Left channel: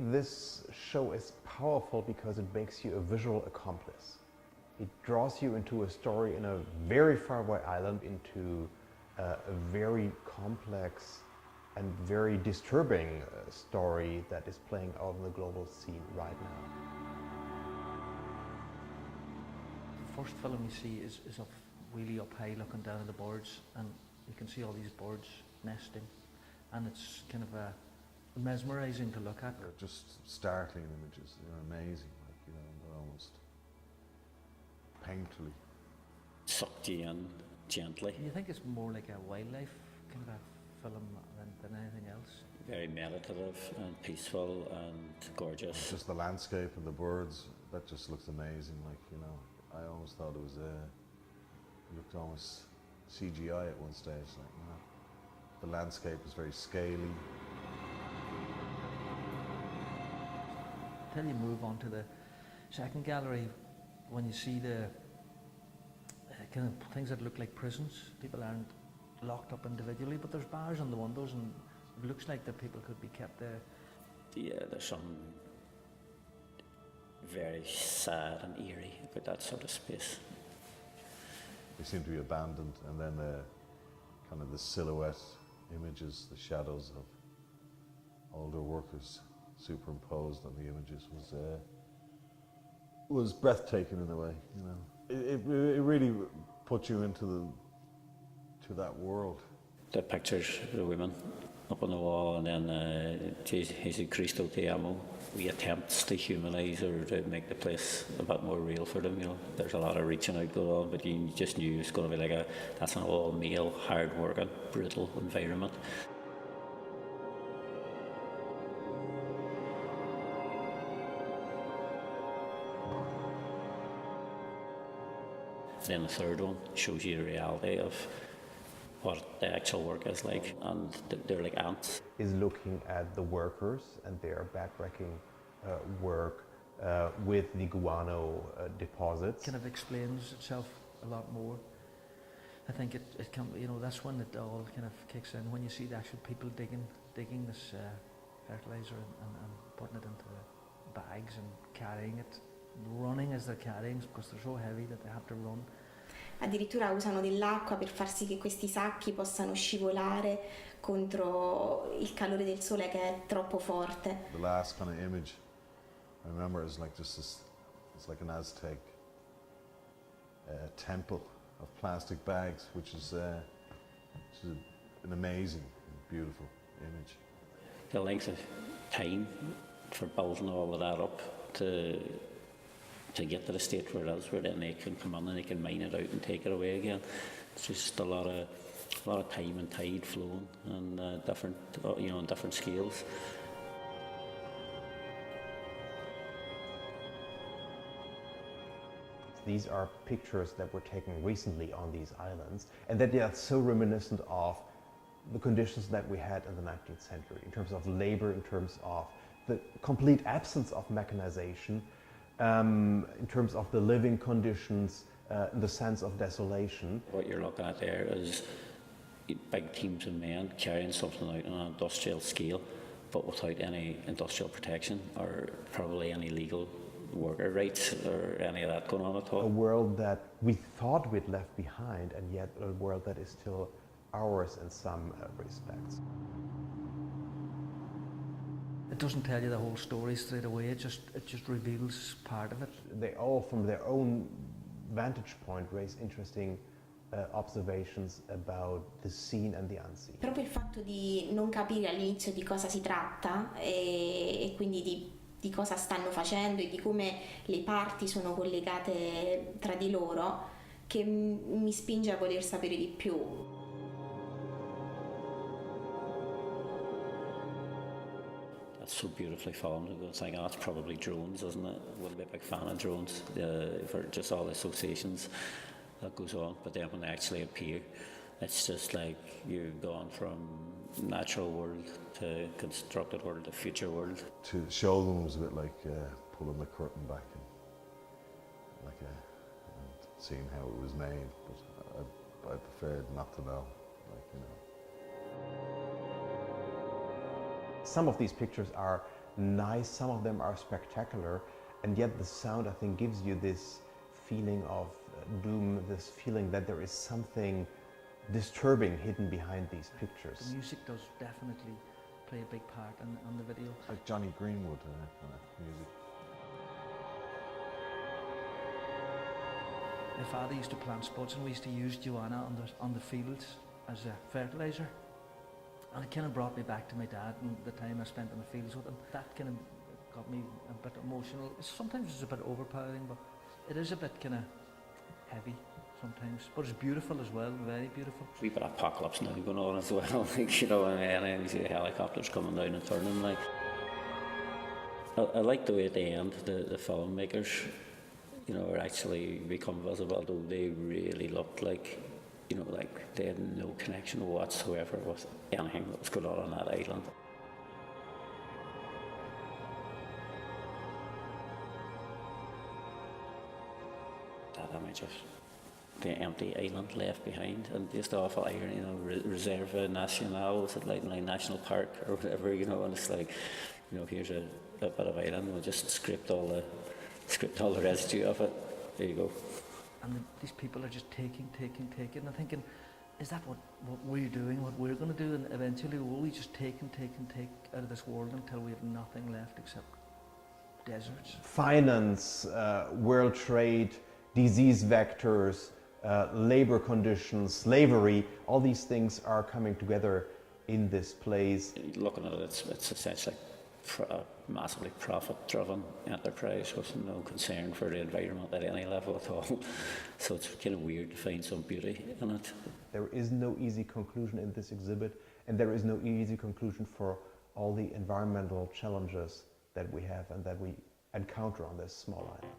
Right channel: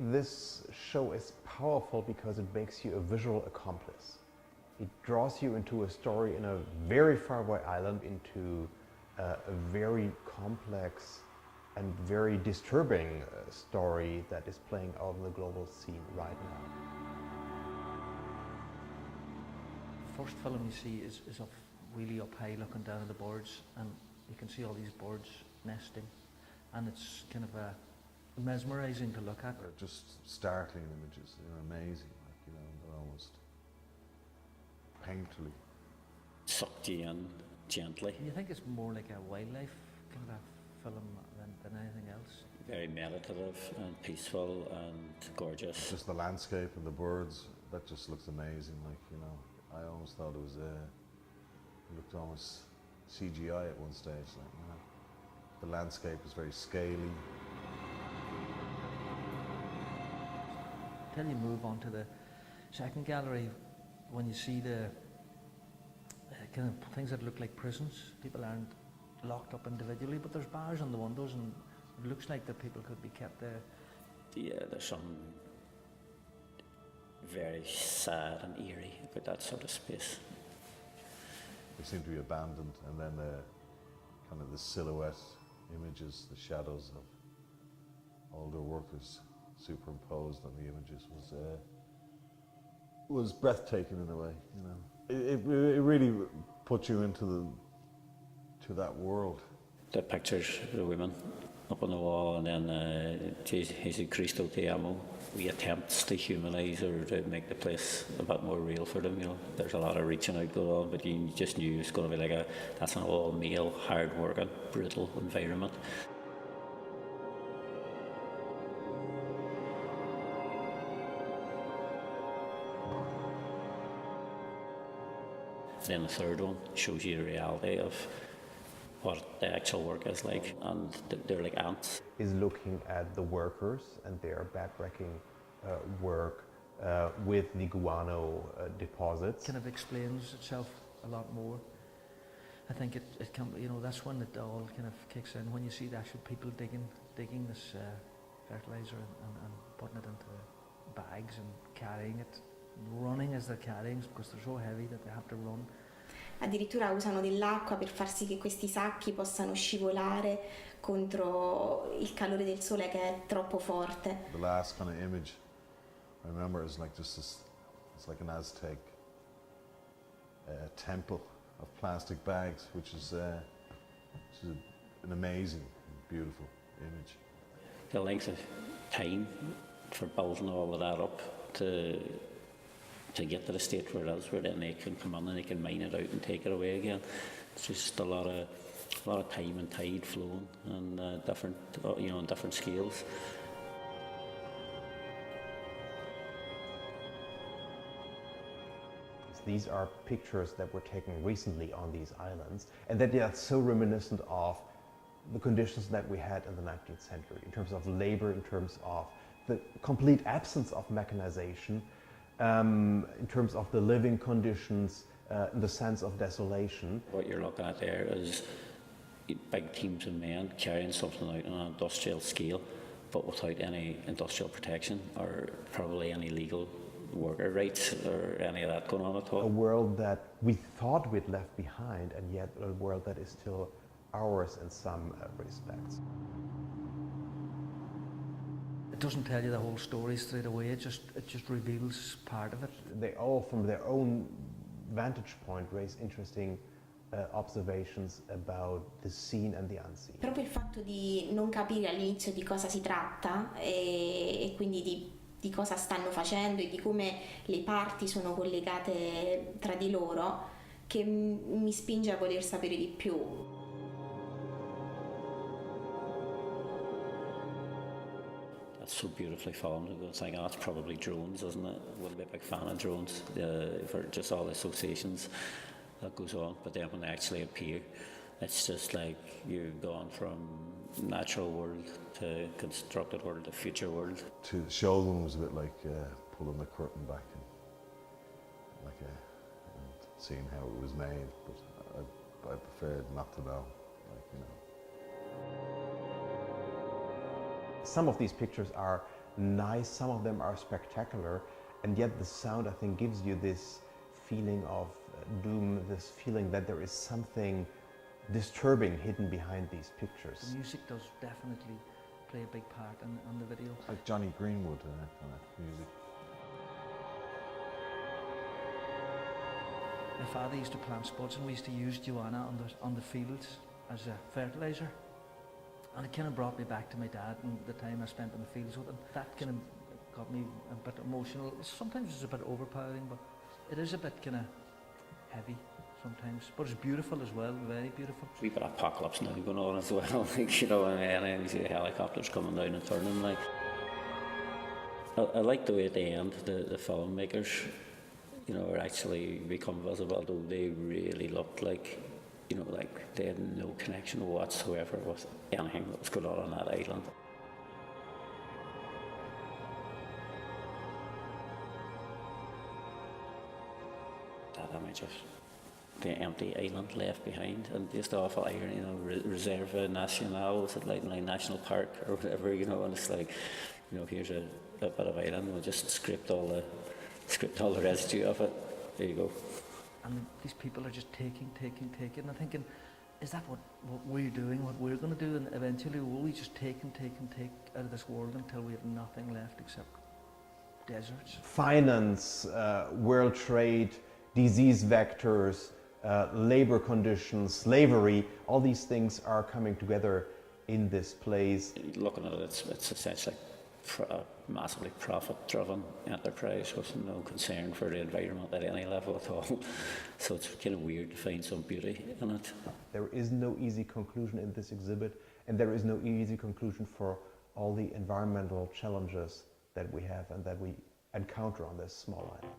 this show is powerful because it makes you a visual accomplice. It draws you into a story in a very faraway island, into a very complex and very disturbing story that is playing out in the global scene right now. The first film you see is up really up high, looking down at the birds, and you can see all these birds nesting, and it's kind of mesmerising to look at. Just startling images, amazing, almost painfully. Sucked you in gently. You think it's more like a wildlife kind of film than anything else? Very meditative and peaceful and gorgeous. Just the landscape and the birds, that just looks amazing. I almost thought it looked almost CGI at one stage. The landscape is very scaly. Then you move on to the second gallery when you see the kind of things that look like prisons. People aren't locked up individually, but there's bars on the windows, and it looks like that people could be kept there. Yeah, there's some very sad and eerie about that sort of space. They seem to be abandoned, and then kind of the silhouette images, the shadows of older workers superimposed on the images was breathtaking in a way. It really put you into that world. The pictures of the women up on the wall, and then Jesus Cristo Te Amo. We attempts to humanise or to make the place a bit more real for them. There's a lot of reaching out going on, but you just knew it's going to be that's an all-male, hard-working, brutal environment. Then the third one shows you the reality of what the actual work is like, and they're like ants. Is looking at the workers and their backbreaking work with the guano deposits. Kind of explains itself a lot more. I think it can, that's when it all kind of kicks in, when you see the actual people digging this fertiliser and putting it into the bags and carrying it, running as they're carrying, because they're so heavy that they have to run. Addirittura usano dell'acqua per far sì che questi sacchi possano scivolare contro il calore del sole che è troppo forte. The last kind of image I remember is like just this, it's like an Aztec temple of plastic bags, which is an amazing, beautiful image. The length of time for building all of that up to get to the state where it is, where then they can come in and they can mine it out and take it away again. It's just a lot of time and tide flowing, and different, on different scales. These are pictures that were taken recently on these islands, and that they are so reminiscent of the conditions that we had in the 19th century, in terms of labor, in terms of the complete absence of mechanization, in terms of the living conditions, in the sense of desolation. What you're looking at there is big teams of men carrying something out on an industrial scale, but without any industrial protection or probably any legal worker rights or any of that going on at all. A world that we thought we'd left behind, and yet a world that is still ours in some respects. It doesn't tell you the whole story straight away, it just reveals part of it. They all, from their own vantage point, raise interesting observations about the seen and the unseen. Proprio il fatto di non capire all'inizio di cosa si tratta e quindi di cosa stanno facendo e di come le parti sono collegate tra di loro, che mi spinge a voler sapere di più. That's so beautifully filmed. I was thinking, that's probably drones, isn't it? I wouldn't be a big fan of drones for just all the associations that goes on. But then when they actually appear, it's just like you've gone from natural world to constructed world to future world. To show them was a bit like pulling the curtain back and seeing how it was made. But I preferred not to know. Some of these pictures are nice, some of them are spectacular, and yet the sound, I think, gives you this feeling of doom, this feeling that there is something disturbing hidden behind these pictures. The music does definitely play a big part in the video. Like Johnny Greenwood music. My father used to plant spuds and we used to use guano on the fields as a fertiliser. And it kind of brought me back to my dad and the time I spent on the fields with him. That kind of got me a bit emotional. Sometimes it's a bit overpowering, but it is a bit kind of heavy sometimes. But it's beautiful as well, very beautiful. We've got apocalypse now going on as well, like, you know, and you see helicopters coming down and turning, like. I like the way at the end the filmmakers, you know, are actually become visible, though they really looked like, you know, like they had no connection whatsoever with anything that was going on that island. That image of the empty island left behind, and just the awful irony, you know, Reserva Nacional, was it like National Park or whatever, you know, and it's like, you know, here's a bit of island, we'll just script all the residue of it. There you go. And these people are just taking. I'm thinking, is that what we're doing, what we're going to do? And eventually will we just take out of this world until we have nothing left except deserts? Finance, world trade, disease vectors, labor conditions, slavery, all these things are coming together in this place. Looking at it, it's essentially a massively profit-driven enterprise with no concern for the environment at any level at all. So it's kind of weird to find some beauty in it. There is no easy conclusion in this exhibit, and there is no easy conclusion for all the environmental challenges that we have and that we encounter on this small island.